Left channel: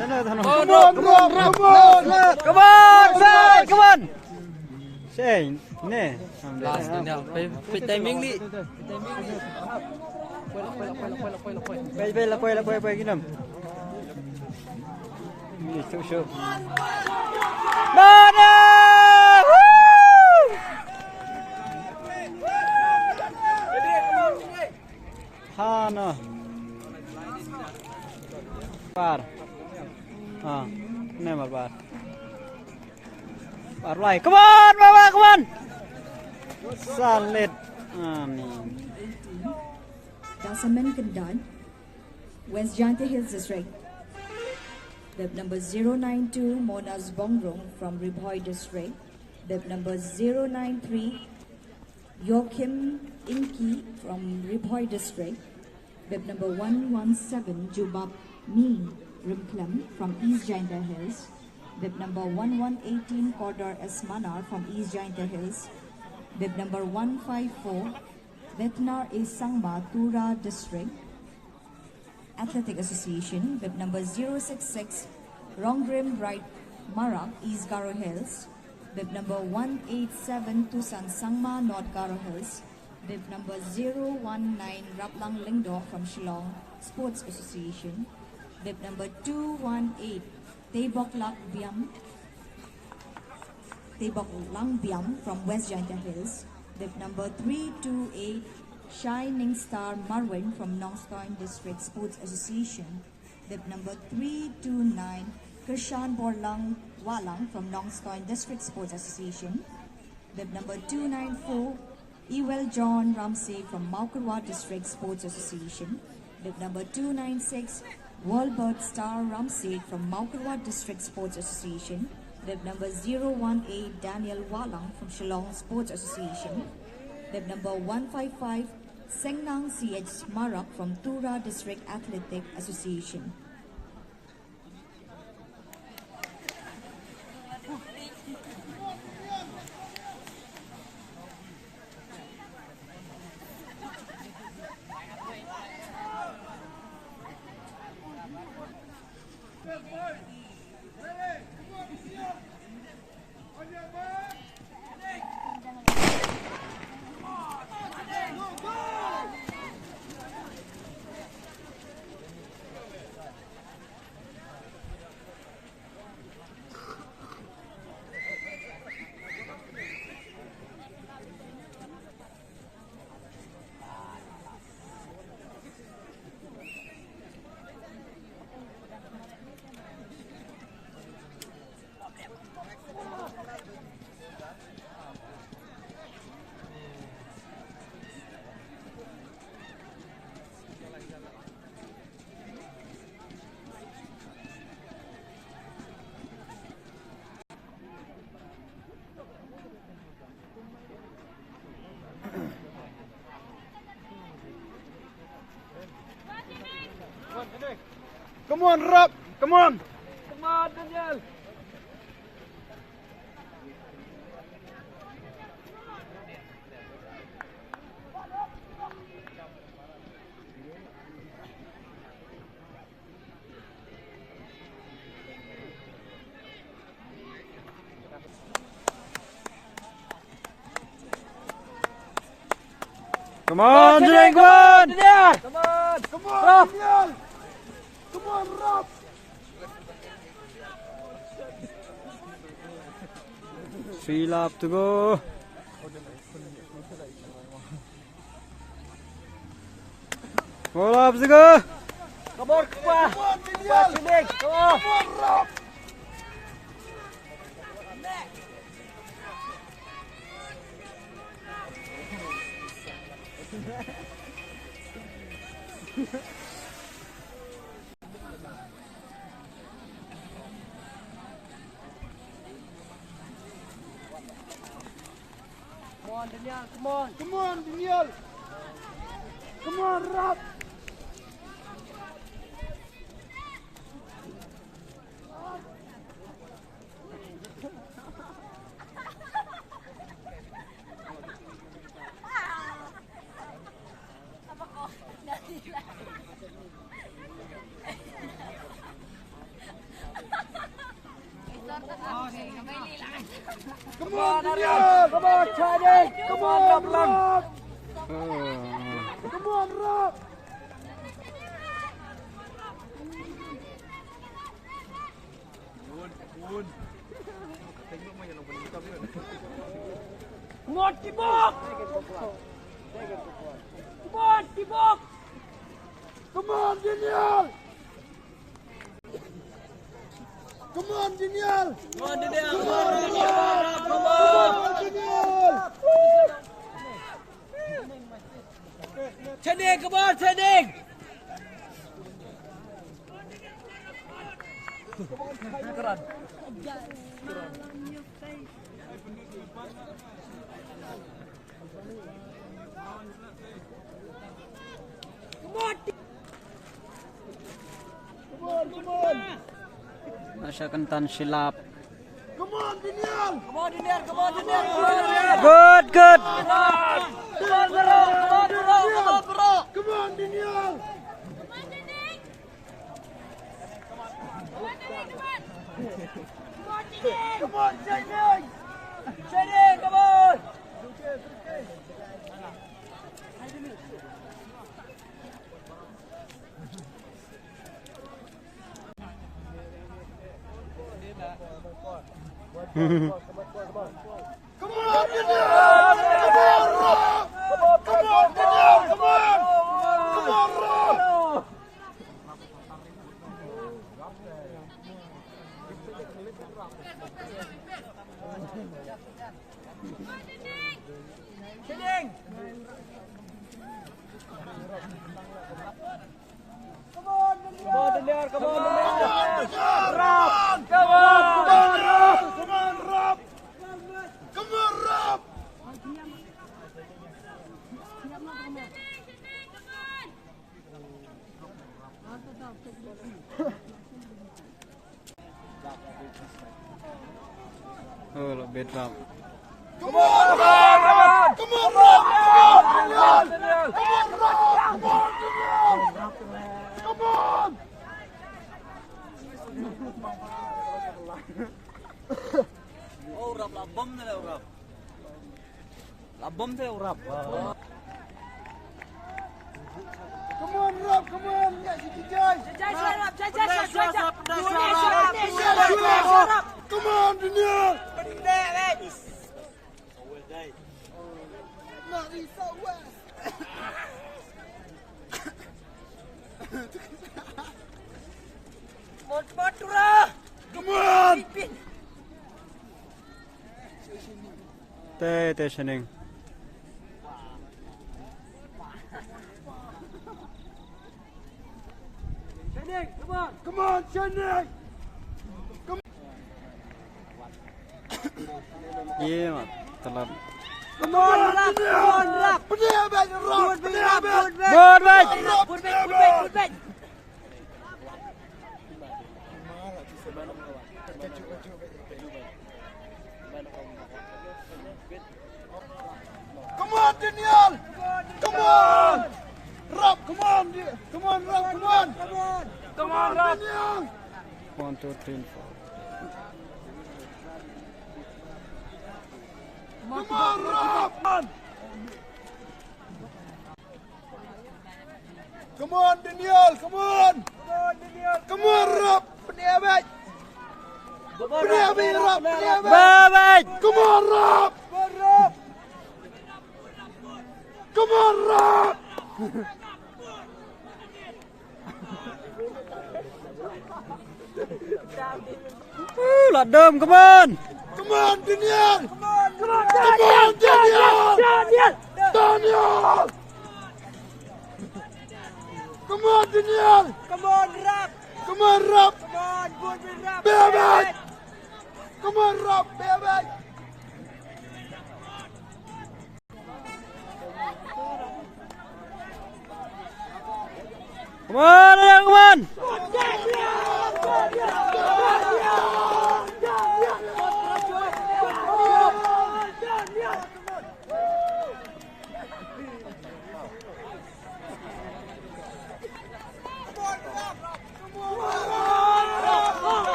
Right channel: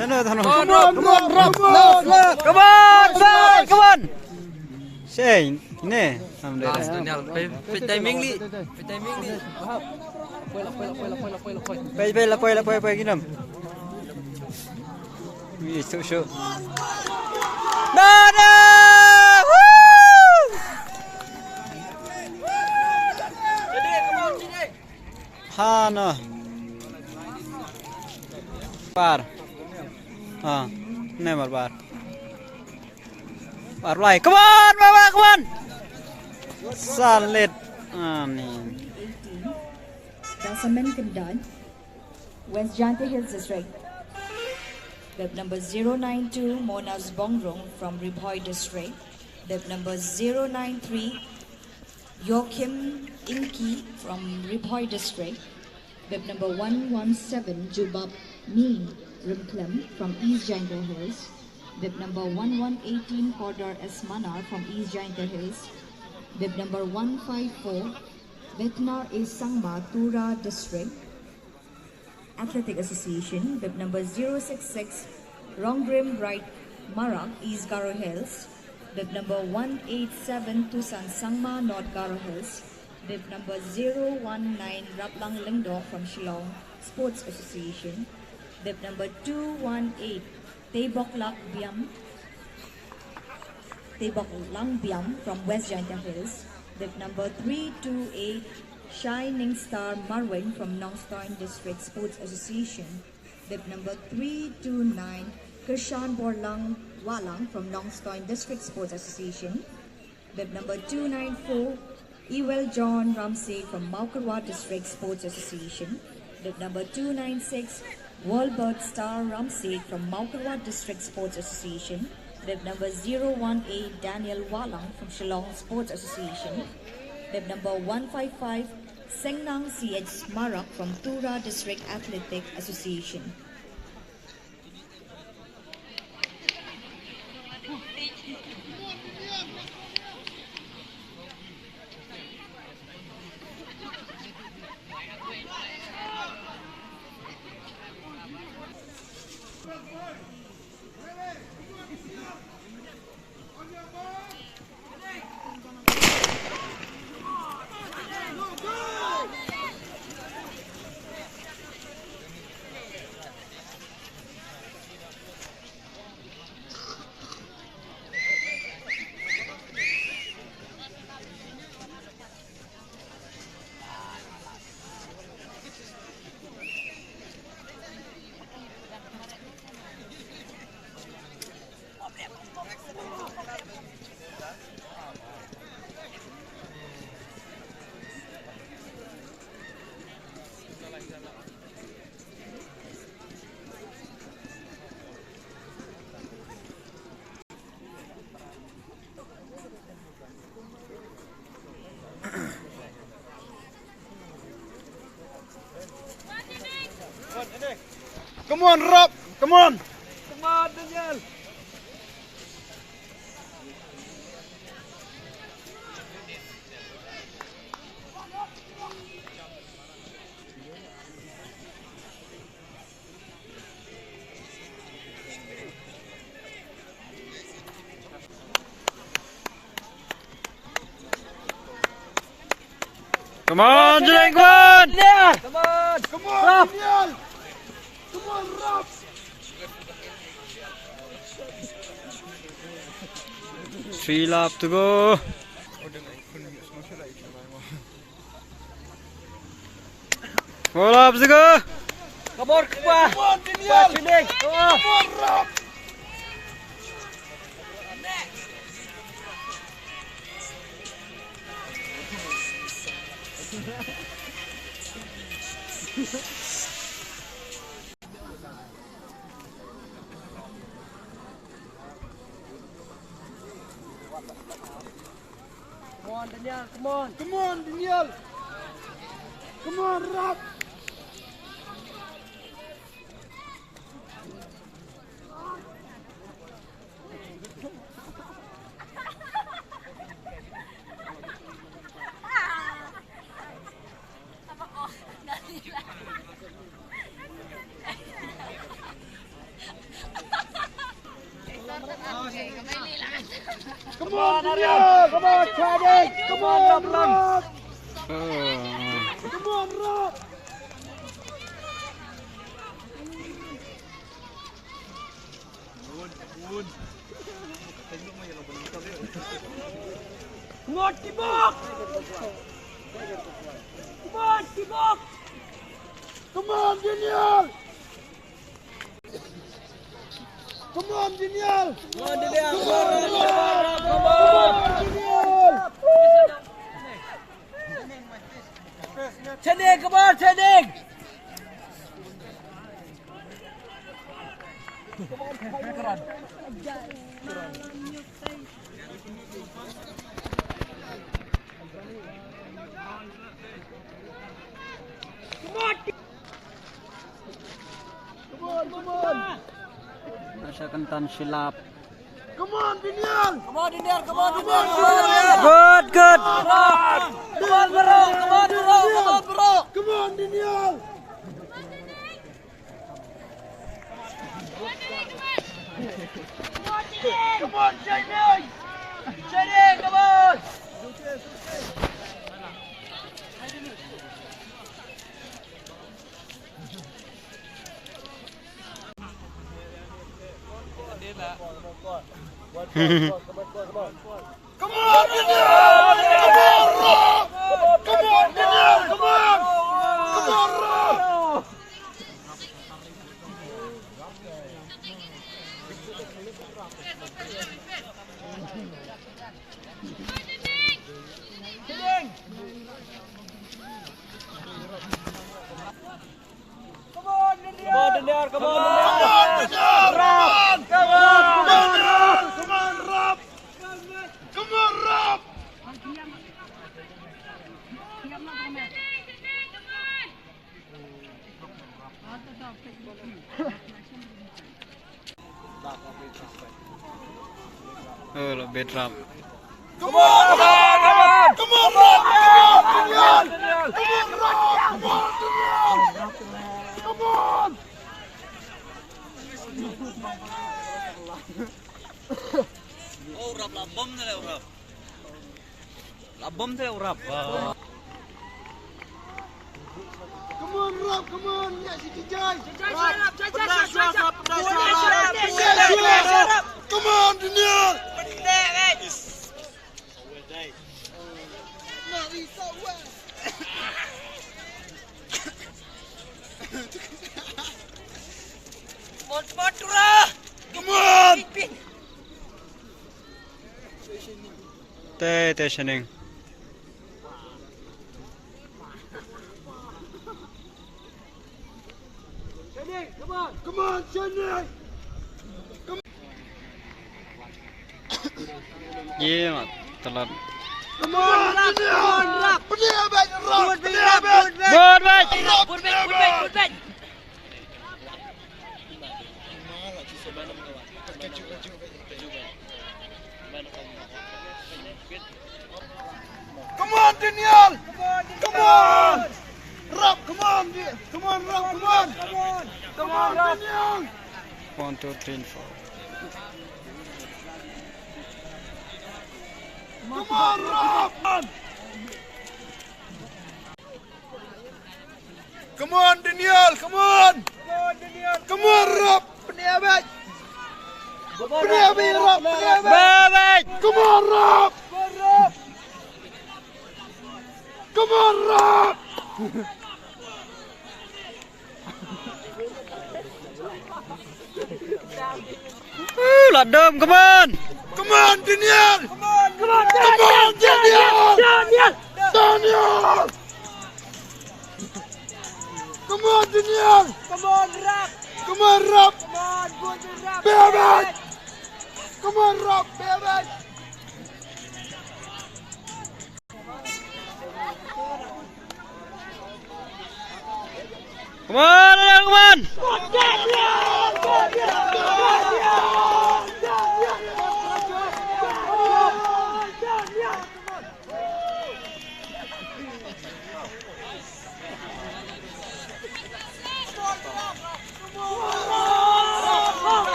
Sana tanong. Come on. Say, ne. Last Daniel. Pay timing li. Pay ginam. Ni show. Nana! Hana. Par. Never bar. Bar right. Come on, Mama, come on. Solid. Dasamen Kindan, West Janta Hills District. Web number 092 Monas Bongrong from Ribhoi District. Web number 093 Joachim Inki from Ribhoi District. Web number 117 Jubab Neen Rimklem from East Janta Hills. Web number 1118 Kodar Esmanar from East Janta Hills. Web number 154 Vetna A. Sangma, Tura District Athletic Association. Web number 066 Ronggrim Bright Marak, East Garo Hills. Web number 187 Tusan Sangma, North Garo Hills. Web number 019 Raplang Lingdo from Shillong Sports Association. Web number 218 Taebok Lang Biam from West Janta Hills. Web number 328 Shining Star Marwin from Nongstoin District Sports Association. Web number 329 Krishan Borlang Walang from Nongstoin District Sports Association. Web number 294 Ewell John Ramsey from Maukarwa District Sports Association. Web number 296 Walbert Star Ramsey from Maukarwa District Sports Association. Web number 018 Daniel Walang from Shillong Sports Association. Web number 155 Sengnang CH Marak from Tura District Athletic Association. Come on, Rob. Come on. Come on, Daniel. Come on, Julian. Come on. Come on. Come on, Daniel. Come on, Rob. Three laps to go. 4 laps to go. Come on, Daniel. Come on, Rob. Come on, Daniel. Come on. Come on, Daniel. Come on, Rob. Come on, Daniel. Come on, Channing. Come on, Rob. Come on, Rob. Come on, Tibok! Come on, Tibok! Come on, Daniel. Come on, Daniel. Come on, Daniel! Come on, Come on, Daniel. Channing, come on, Channing! Come on. Nasa kantan silap. Come on, Daniel. Come on, Daniel! Come on, Daniel! Good, good. Come on, bro! Come on, Daniel. Come on, Channing! Channing, come on! Come on, Daniel. Come on, Daniel. Come on. Come on, Rob. Come on, Daniel! Come on, Come Daniel! on, Daniel. Come on, Daniel. Come on, Rob. Come on, Rob. Lebih drum. Come on, Rob. Come on, Rob. Come on, Daniel. Come on, Rob. Come on, Daniel. Come on. Oh, rap labom tu lah rap. Labom tu rap. Come on, Rob. Come on. Ya, Siti Joy. Come on, Daniel. Come on. Teh Channing. Channing, come on! Come on, Channing. Ye mat telat. Come on, Daniel. Daniel, back, Rob. Daniel, back. Good match. Put back! Come on, Daniel. Come on. Rob, come on. Come on, Rob. Come on. Come on, Daniel. 1, 2, 3, and 4. Come on, Rob. Come on, Daniel. Come on. Come on, Rob. Daniel, back. Daniel, back, Rob. Daniel, back. Bye. Come on, Rob. Come on, Rob. Ladom, come on. Come on, Daniel. Come on, Daniel. Daniel. Come on, Daniel. Come on, Rob! Come on, Rob. Come on, good Rob! Baby. Come on, Rob. Baby. Come on, come on.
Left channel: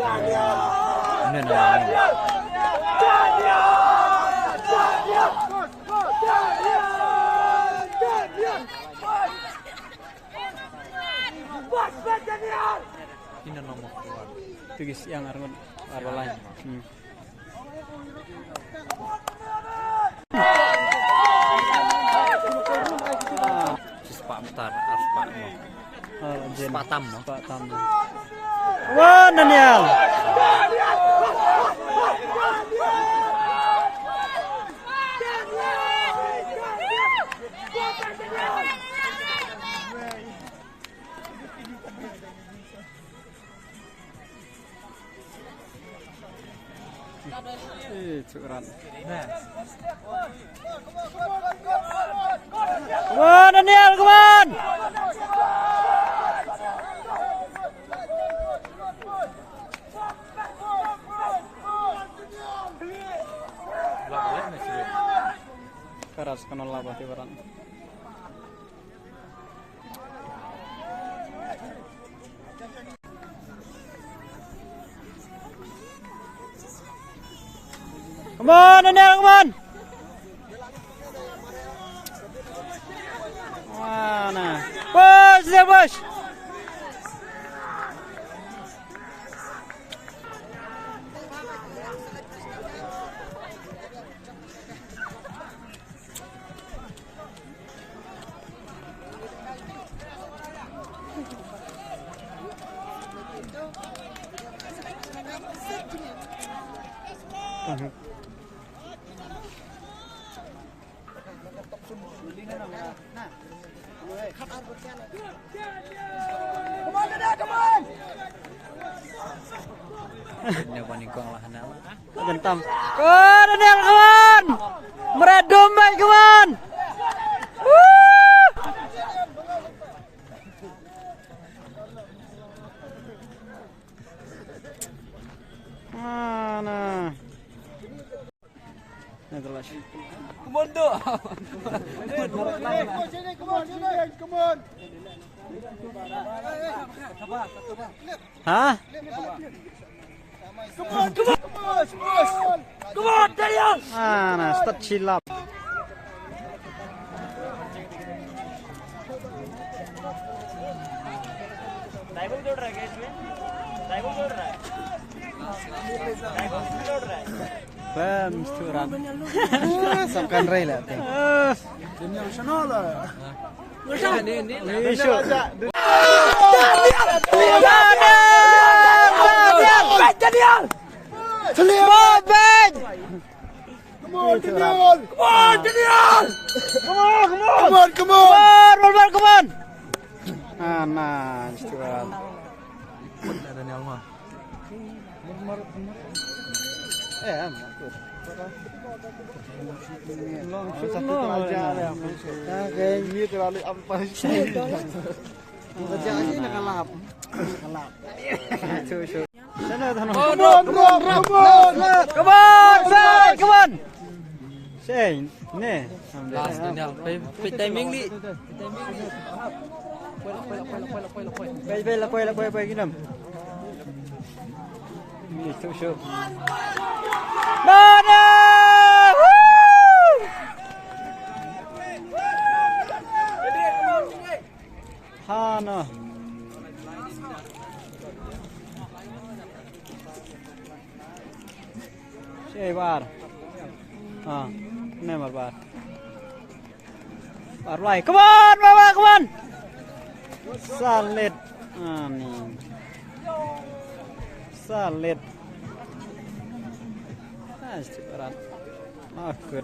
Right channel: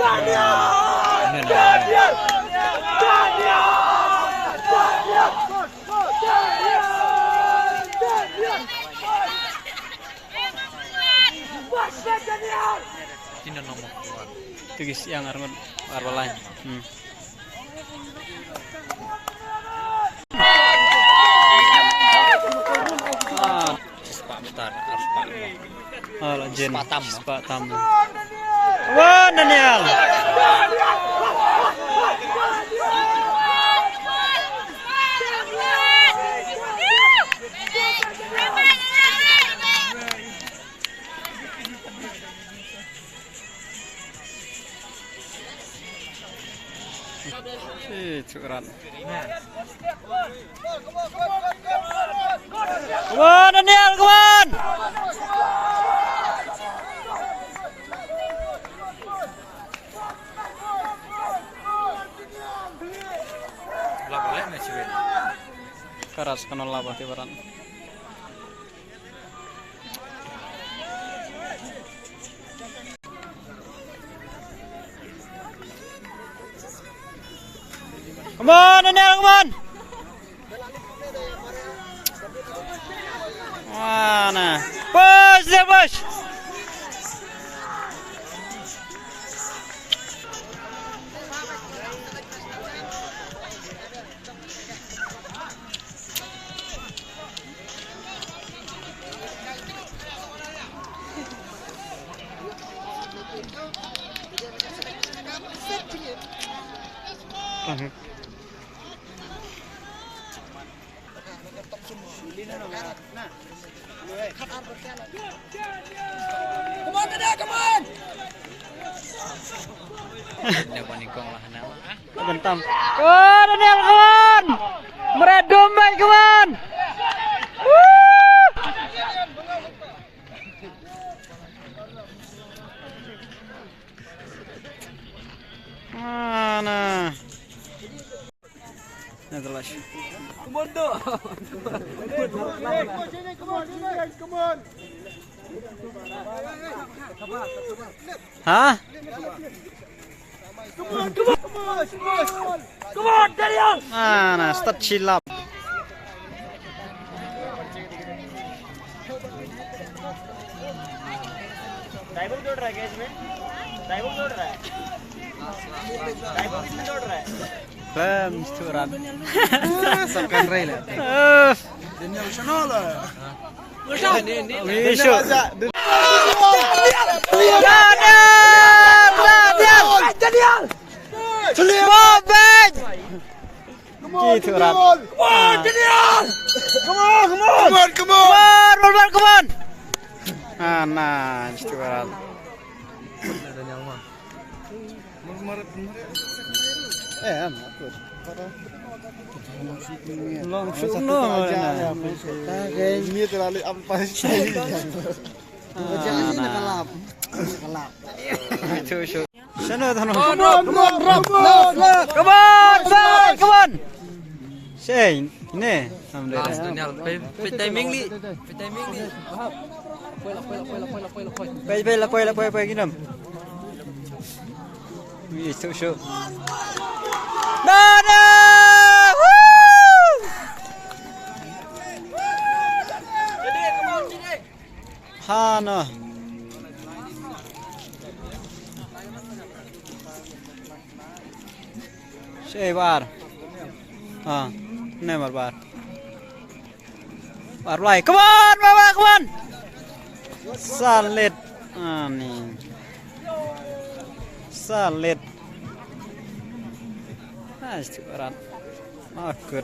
Tidak nomor keluar. Itu guys yang arman arwah lain. Sepak besar. Oh, legend. Sepatam. Sepatam. Come on, Daniel. Cukuran. Come on, Daniel, come on. Boleh masih. Keras kena labah tibaran. Come on, Daniel, come on. Mana? Push, dia push. Ini panikong lah nak. Gentam. Come on, Daniel, come on. Meredom baik, come on. Mana? Netherlands. Komando. Come on. Hah? Come on, Daniel. Mana? Start silap. डाइवोग जोड़ रहा है क्या इसमें? डाइवोग जोड़ रहा है? डाइवोग किसमें जोड़ रहा है? Bam, cukuran. Sampai rela. Daniel Shanola. Lisho. Daniel. Bobek. Gitu rap. Daniel. Come on. Come on, come on. Nah, cukuran. Daniel mah. Langsung no. Ini terlalu ampas. Itu show. Sana tanah. Come on. Come on, back, come on. Say, ini. Last Daniel. Timing li. Pay ginam. Itu show. Nana! Hana. Say bar. Never bar. Bar play. Come on, Baba, come on. Solid. Nih. Solid. Nice, cukuran. Oh, good.